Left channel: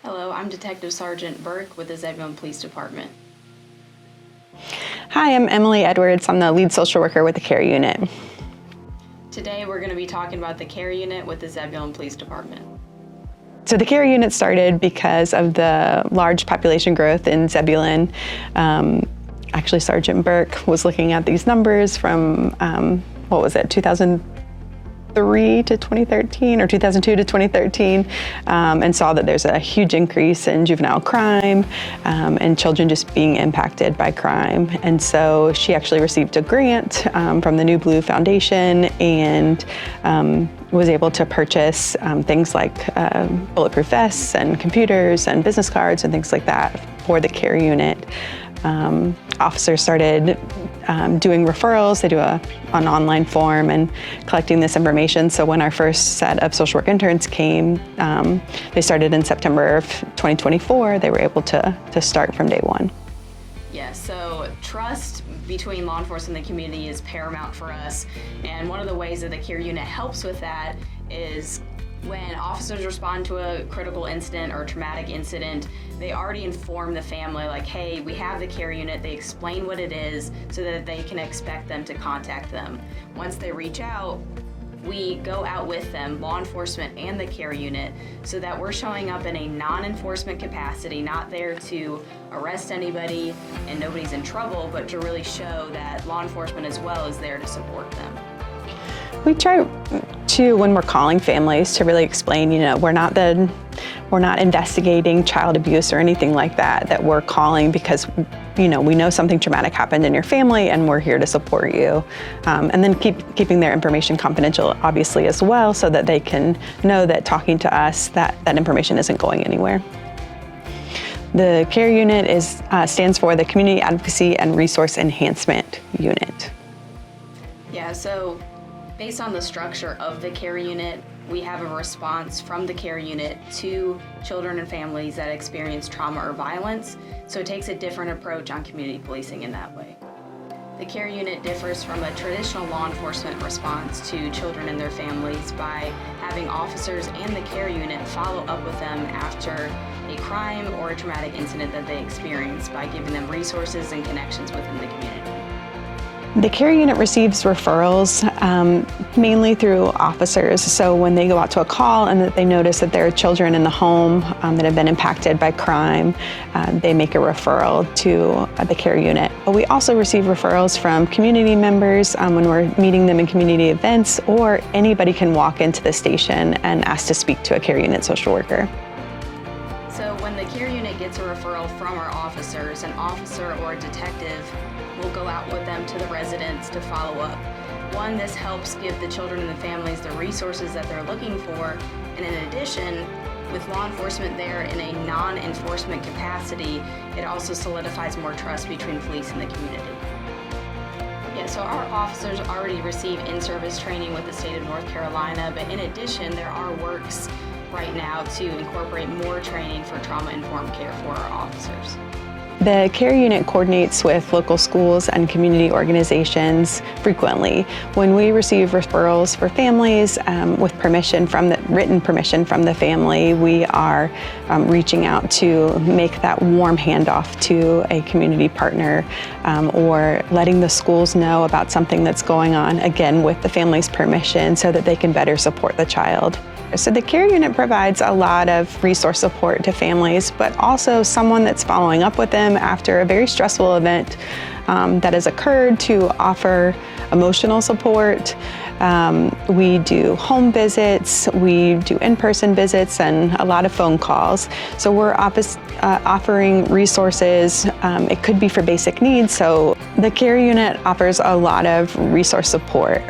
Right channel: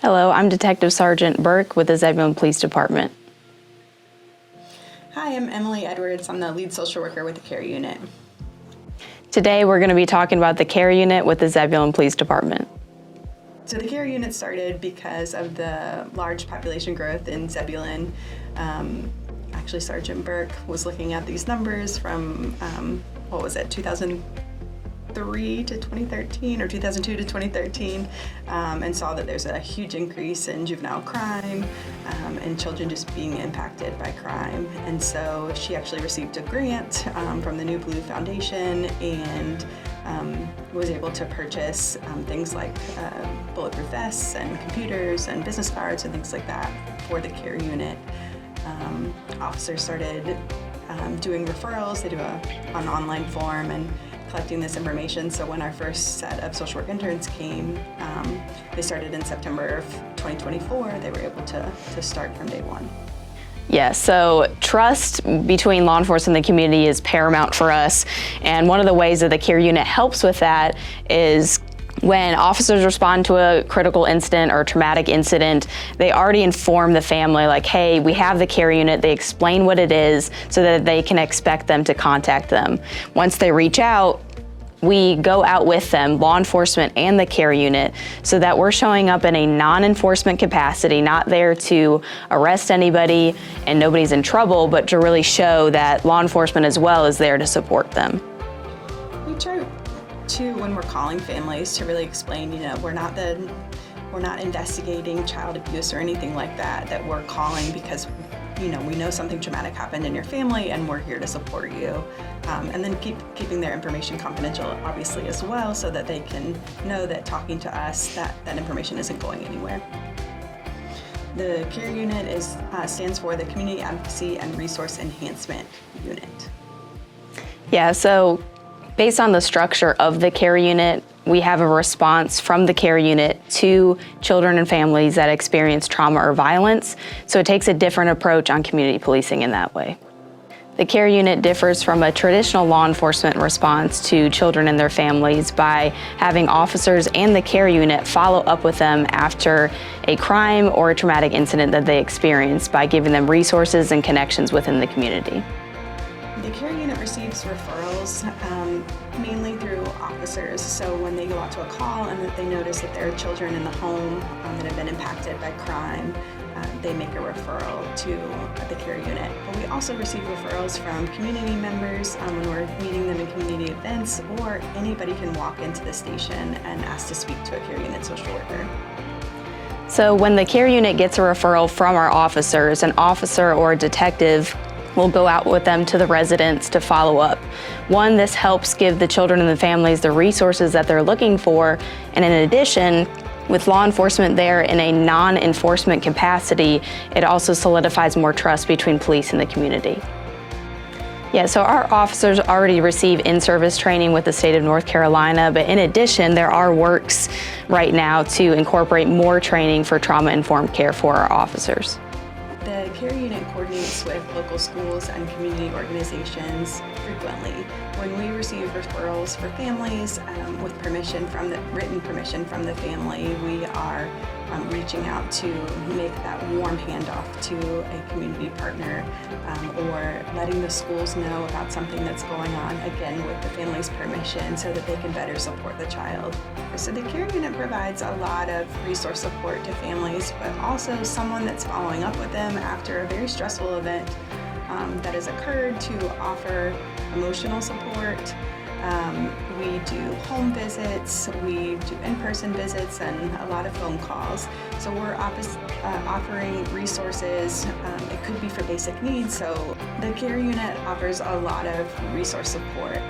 Hello, I'm Detective Sergeant Burke with the Zebulon Police Department. Hi, I'm Emily Edwards. I'm the lead social worker with the CARE unit. Today we're going to be talking about the CARE unit with the Zebulon Police Department. So the CARE unit started because of the large population growth in Zebulon. Actually, Sergeant Burke was looking at these numbers from, 2003 to 2013 or 2002 to 2013, and saw that there's a huge increase in juvenile crime and children just being impacted by crime. And so she actually received a grant from the New Blue Foundation and was able to purchase things like bulletproof vests and computers and business cards and things like that for the CARE unit. Officers started doing referrals. They do an online form and collecting this information. So when our first set of social work interns came, they started in September of 2024. They were able to start from day one. Yeah, so trust between law enforcement and the community is paramount for us. And one of the ways that the CARE unit helps with that is when officers respond to a critical incident or a traumatic incident, they already inform the family, like, hey, we have the CARE unit. They explain what it is so that they can expect them to contact them. Once they reach out, we go out with them, law enforcement and the CARE unit, so that we're showing up in a non-enforcement capacity, not there to arrest anybody and nobody's in trouble, but to really show that law enforcement as well is there to support them. We try to, when we're calling families, to really explain, we're not investigating child abuse or anything like that, that we're calling because, we know something traumatic happened in your family and we're here to support you. And then keeping their information confidential, obviously, as well, so that they can know that talking to us, that information isn't going anywhere. The CARE unit stands for the Community Advocacy and Resource Enhancement Unit. Yeah, so based on the structure of the CARE unit, we have a response from the CARE unit to children and families that experience trauma or violence. So it takes a different approach on community policing in that way. The CARE unit differs from a traditional law enforcement response to children and their families by having officers and the CARE unit follow up with them after a crime or a traumatic incident that they experience by giving them resources and connections within the community. The CARE unit receives referrals mainly through officers. So when they go out to a call and that they notice that there are children in the home that have been impacted by crime, they make a referral to the CARE unit. But we also receive referrals from community members when we're meeting them in community events, or anybody can walk into the station and ask to speak to a CARE unit social worker. So when the CARE unit gets a referral from our officers, an officer or a detective will go out with them to the residents to follow up. One, this helps give the children and the families the resources that they're looking for, and in addition, with law enforcement there in a non-enforcement capacity, it also solidifies more trust between police and the community. Yeah, so our officers already receive in-service training with the state of North Carolina, but in addition, there are works right now to incorporate more training for trauma-informed care for our officers. The CARE unit coordinates with local schools and community organizations frequently. When we receive referrals for families with written permission from the family, we are reaching out to make that warm handoff to a community partner or letting the schools know about something that's going on, again, with the family's permission, so that they can better support the child. So the CARE unit provides a lot of resource support to families, but also someone that's following up with them after a very stressful event that has occurred, to offer emotional support. We do home visits, we do in-person visits, and a lot of phone calls. So we're offering resources. It could be for basic needs. So the CARE unit offers a lot of resource support.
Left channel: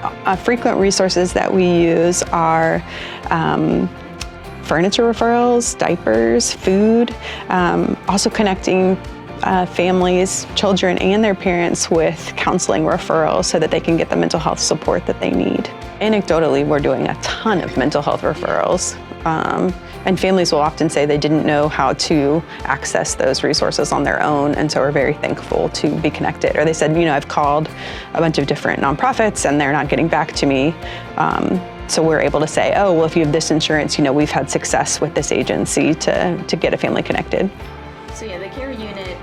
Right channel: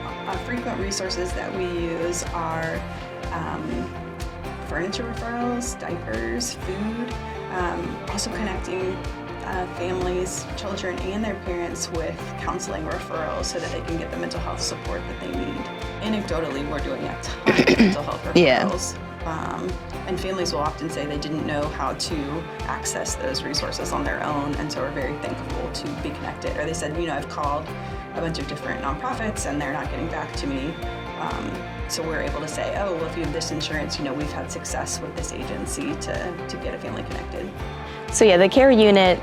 Frequent resources that we use are furniture referrals, diapers, food, also connecting families, children, and their parents with counseling referrals so that they can get the mental health support that they need. Anecdotally, we're doing a ton of mental health referrals. And families will often say they didn't know how to access those resources on their own, and so we're very thankful to be connected. Or they said, I've called a bunch of different nonprofits and they're not getting back to me. So we're able to say, oh, well, if you have this insurance, we've had success with this agency to get a family connected. So yeah, the care unit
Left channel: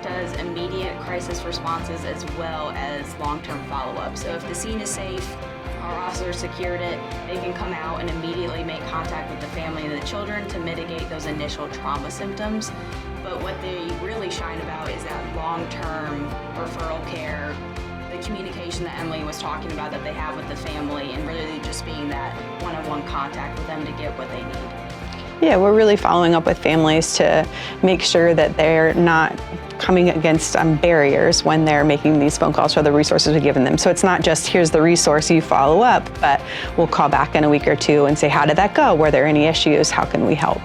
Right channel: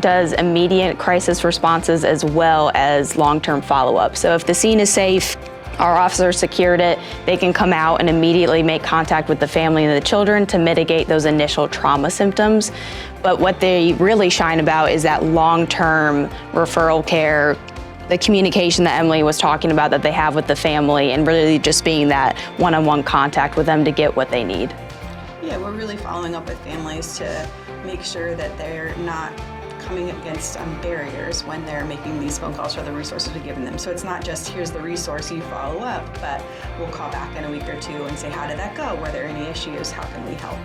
does immediate crisis responses as well as long-term follow-up. So if the scene is safe, our officers secured it, they can come out and immediately make contact with the family and the children to mitigate those initial trauma symptoms. But what they really shine about is that long-term referral care, the communication that Emily was talking about that they have with the family, and really just being that one-on-one contact with them to get what they need. Yeah, we're really following up with families to make sure that they're not coming against barriers when they're making these phone calls for the resources we've given them. So it's not just, here's the resource, you follow up, but we'll call back in a week or two and say, how did that go? Were there any issues? How can we help?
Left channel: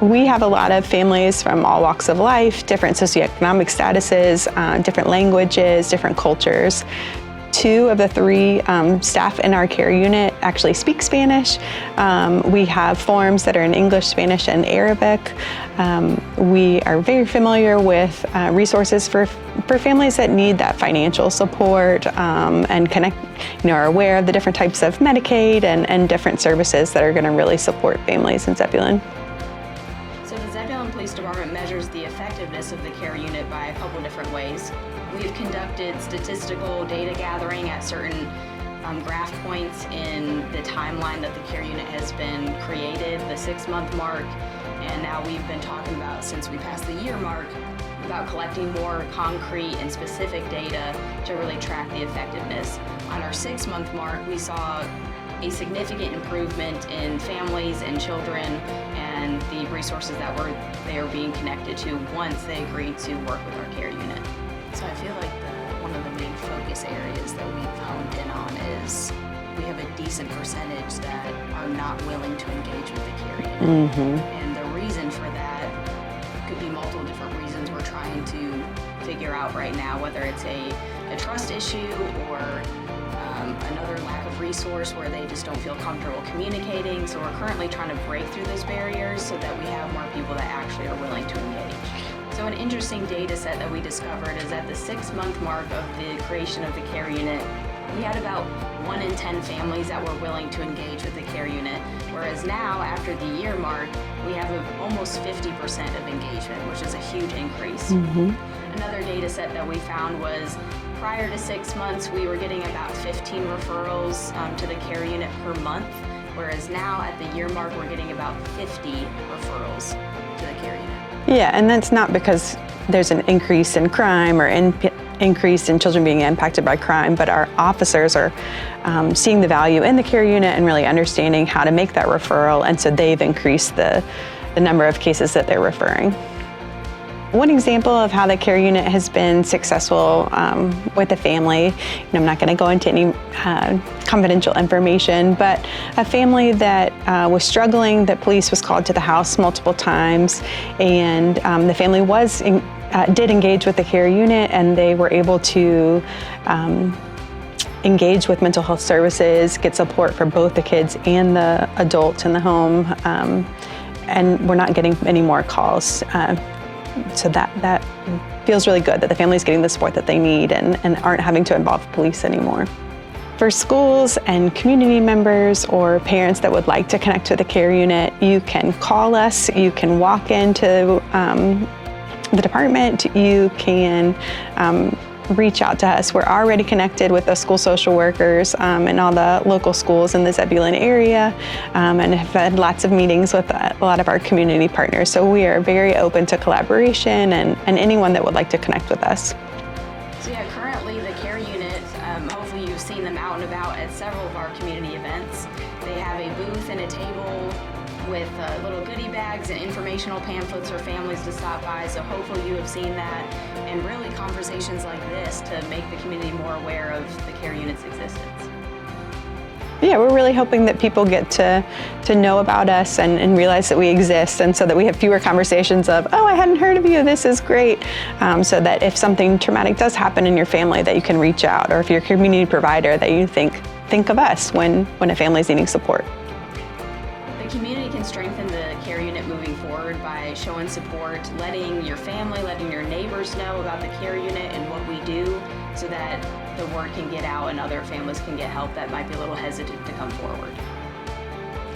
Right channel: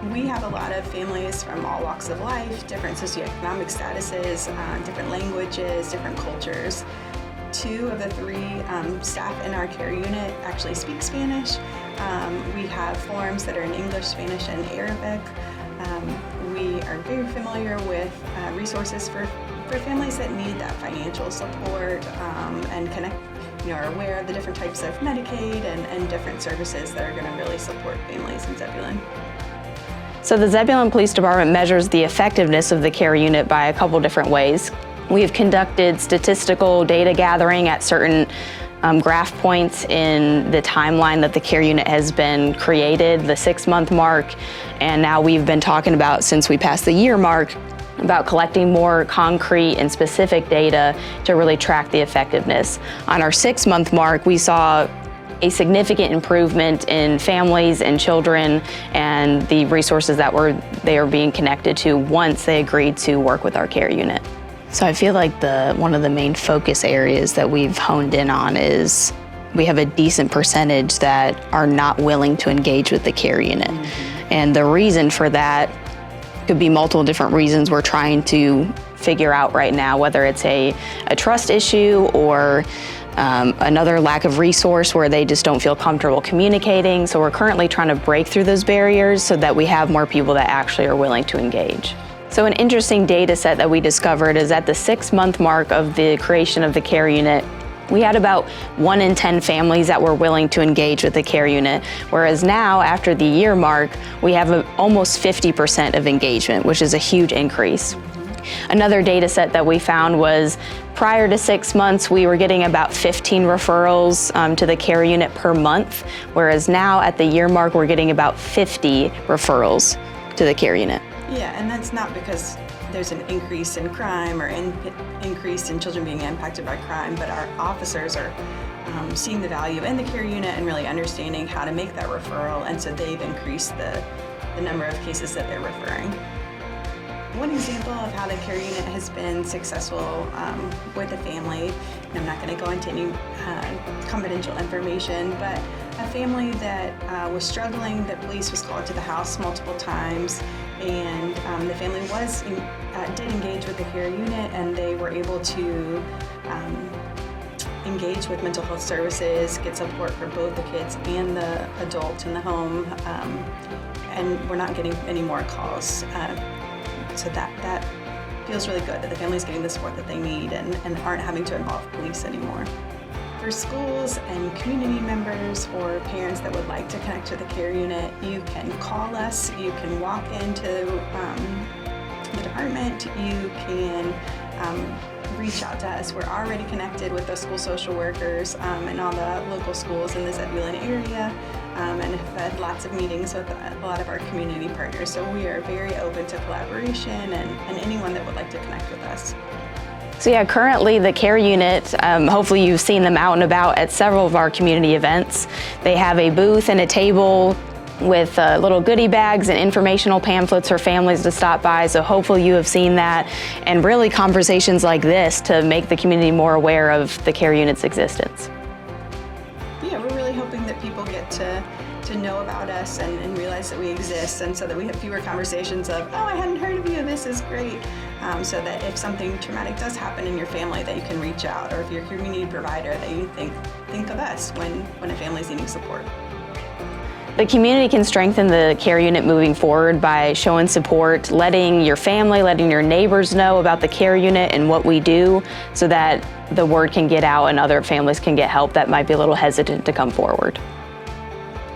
We have a lot of families from all walks of life, different socioeconomic statuses, different languages, different cultures. 2 of the 3 staff in our care unit actually speak Spanish. We have forms that are in English, Spanish, and Arabic. We are very familiar with resources for families that need that financial support and are aware of the different types of Medicaid and different services that are going to really support families in Zebulon. So the Zebulon Police Department measures the effectiveness of the care unit by a couple different ways. We have conducted statistical data gathering at certain graph points in the timeline that the care unit has been created, the 6-month mark, and now we've been talking about, since we passed the year mark, about collecting more concrete and specific data to really track the effectiveness. On our 6-month mark, we saw a significant improvement in families and children and the resources that they are being connected to once they agreed to work with our care unit. So I feel like one of the main focus areas that we've honed in on is we have a decent percentage that are not willing to engage with the care unit. And the reason for that could be multiple different reasons we're trying to figure out right now, whether it's a trust issue or another lack of resource where they just don't feel comfortable communicating. So we're currently trying to break through those barriers so that we have more people that actually are willing to engage. So an interesting data set that we discovered is at the 6-month mark of the creation of the care unit, we had about 1 in 10 families that were willing to engage with the care unit, whereas now, after the year mark, we have almost 50% of engagement, which is a huge increase. Another data set that we found was prior to 6 months, we were getting about 15 referrals to the care unit per month, whereas now at the year mark, we're getting about 50 referrals to the care unit. Yeah, and that's not because there's an increase in crime or increase in children being impacted by crime, but our officers are seeing the value in the care unit and really understanding how to make that referral, and so they've increased the number of cases that they're referring. One example of how the care unit has been successful with a family, and I'm not going to go into any confidential information, but a family that was struggling, that police was called to the house multiple times, and the family did engage with the care unit, and they were able to engage with mental health services, get support for both the kids and the adults in the home, and we're not getting any more calls. So that feels really good that the family is getting the support that they need and aren't having to involve police anymore. For schools and community members or parents that would like to connect with the care unit, you can call us, you can walk into the department, you can reach out to us. We're already connected with the school social workers and all the local schools in the Zebulon area, and have had lots of meetings with a lot of our community partners. So we are very open to collaboration and anyone that would like to connect with us. So yeah, currently the care unit, hopefully you've seen them out and about at several of our community events. They have a booth and a table with little goodie bags and informational pamphlets for families to stop by, so hopefully you have seen that, and really conversations like this to make the community more aware of the care unit's existence. Yeah, we're really hoping that people get to know about us and realize that we exist, and so that we have fewer conversations of, oh, I hadn't heard of you, this is great, so that if something traumatic does happen in your family, that you can reach out, or if you're a community provider, that you think of us when a family's needing support. The community can strengthen the care unit moving forward by showing support, letting your family, letting your neighbors know about the care unit and what we do, so that the word can get out and other families can get help that might be a little hesitant to come forward.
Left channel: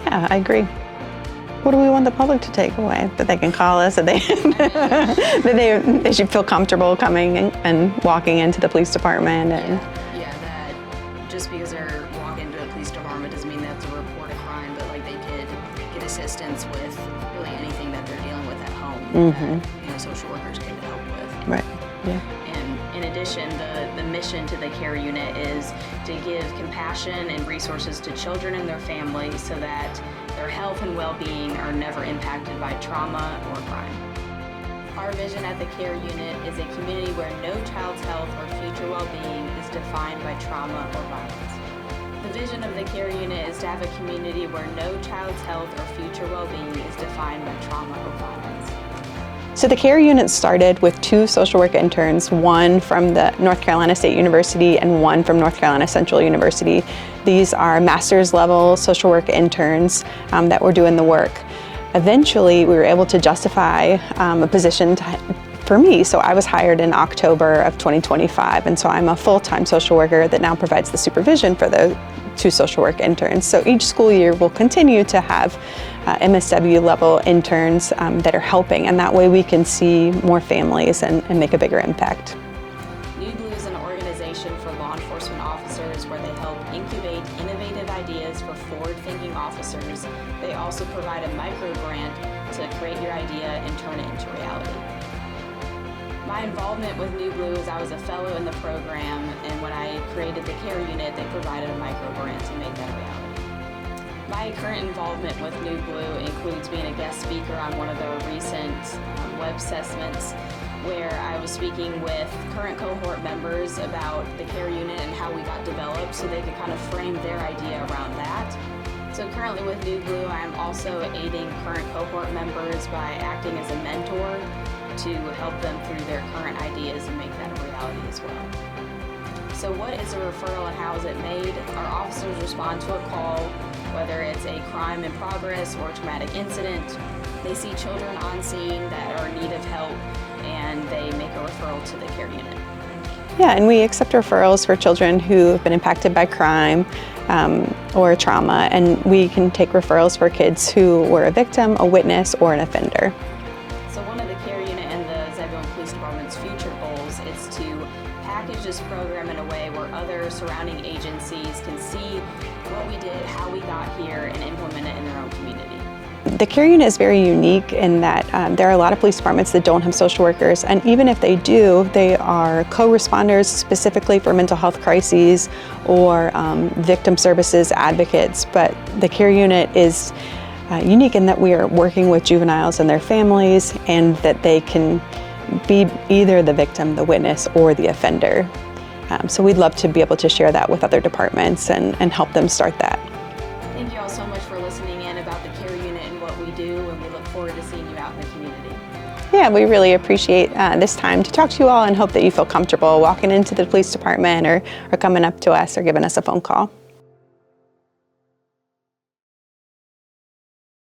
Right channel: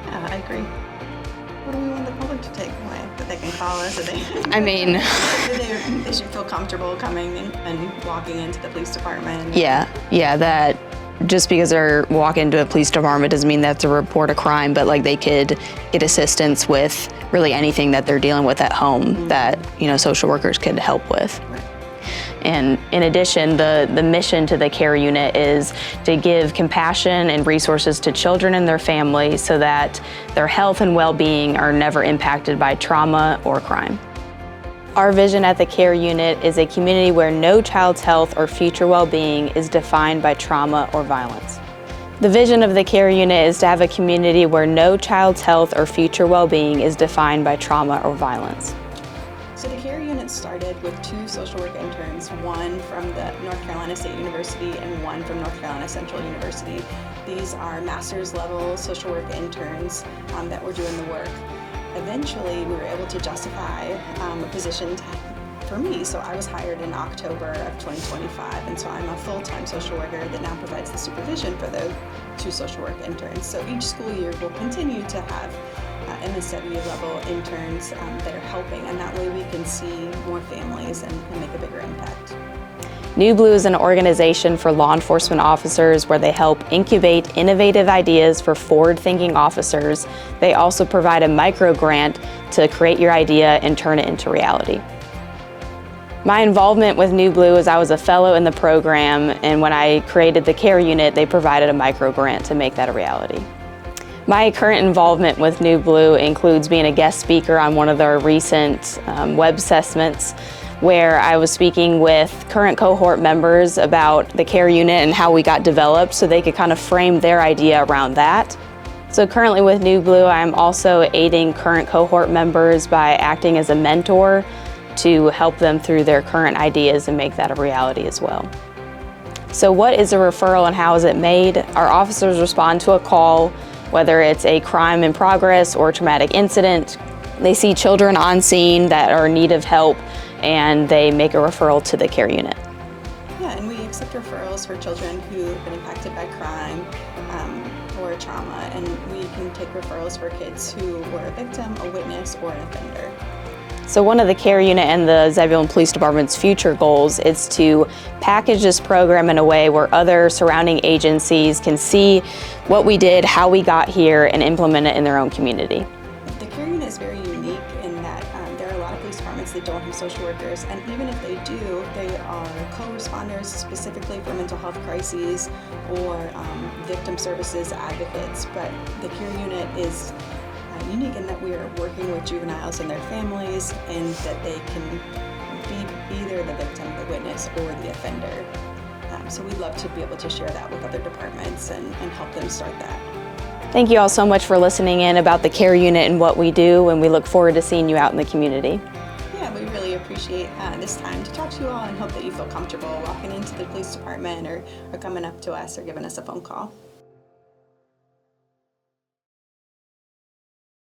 Yeah, I agree. What do we want the public to take away? That they can call us, that they, that they should feel comfortable coming and walking into the police department. Yeah, that just because they're walking into a police department doesn't mean they have to report a crime, but like they could get assistance with really anything that they're dealing with at home that, social workers could help with. Right. Yeah. And in addition, the mission to the care unit is to give compassion and resources to children and their families so that their health and well-being are never impacted by trauma or crime. Our vision at the care unit is a community where no child's health or future well-being is defined by trauma or violence. The vision of the care unit is to have a community where no child's health or future well-being is defined by trauma or violence. So the care unit started with 2 social work interns, one from the North Carolina State University and one from North Carolina Central University. These are master's level social work interns that were doing the work. Eventually, we were able to justify a position for me. So I was hired in October of 2025, and so I'm a full-time social worker that now provides the supervision for the 2 social work interns. So each school year we'll continue to have MSW level interns that are helping, and that way we can see more families and make a bigger impact. New Blue is an organization for law enforcement officers where they help incubate innovative ideas for forward-thinking officers. They also provide a micro grant to create your idea and turn it into reality. My involvement with New Blue is I was a fellow in the program, and when I created the care unit, they provided a micro grant to make that a reality. My current involvement with New Blue includes being a guest speaker on one of their recent web assessments, where I was speaking with current cohort members about the care unit and how we got developed so they could kind of frame their idea around that. So currently with New Blue, I'm also aiding current cohort members by acting as a mentor to help them through their current ideas and make that a reality as well. So what is a referral and how is it made? Our officers respond to a call, whether it's a crime in progress or a traumatic incident. They see children on scene that are in need of help, and they make a referral to the care unit. Yeah, and we accept referrals for children who have been impacted by crime or trauma, and we can take referrals for kids who were a victim, a witness, or an offender. So one of the care unit and the Zebulon Police Department's future goals is to package this program in a way where other surrounding agencies can see what we did, how we got here, and implement it in their own community. The care unit is very unique in that there are a lot of police departments that don't have social workers, and even if they do, they are co-responders specifically for mental health crises or victim services advocates. But the care unit is unique in that we are working with juveniles and their families, and that they can be either the victim, the witness, or the offender. So we'd love to be able to share that with other departments and help them start that. Thank you all so much for listening in about the care unit and what we do, and we look forward to seeing you out in the community. Yeah, we really appreciate this time to talk to you all and hope that you feel comfortable walking into the police department or coming up to us or giving us a phone call.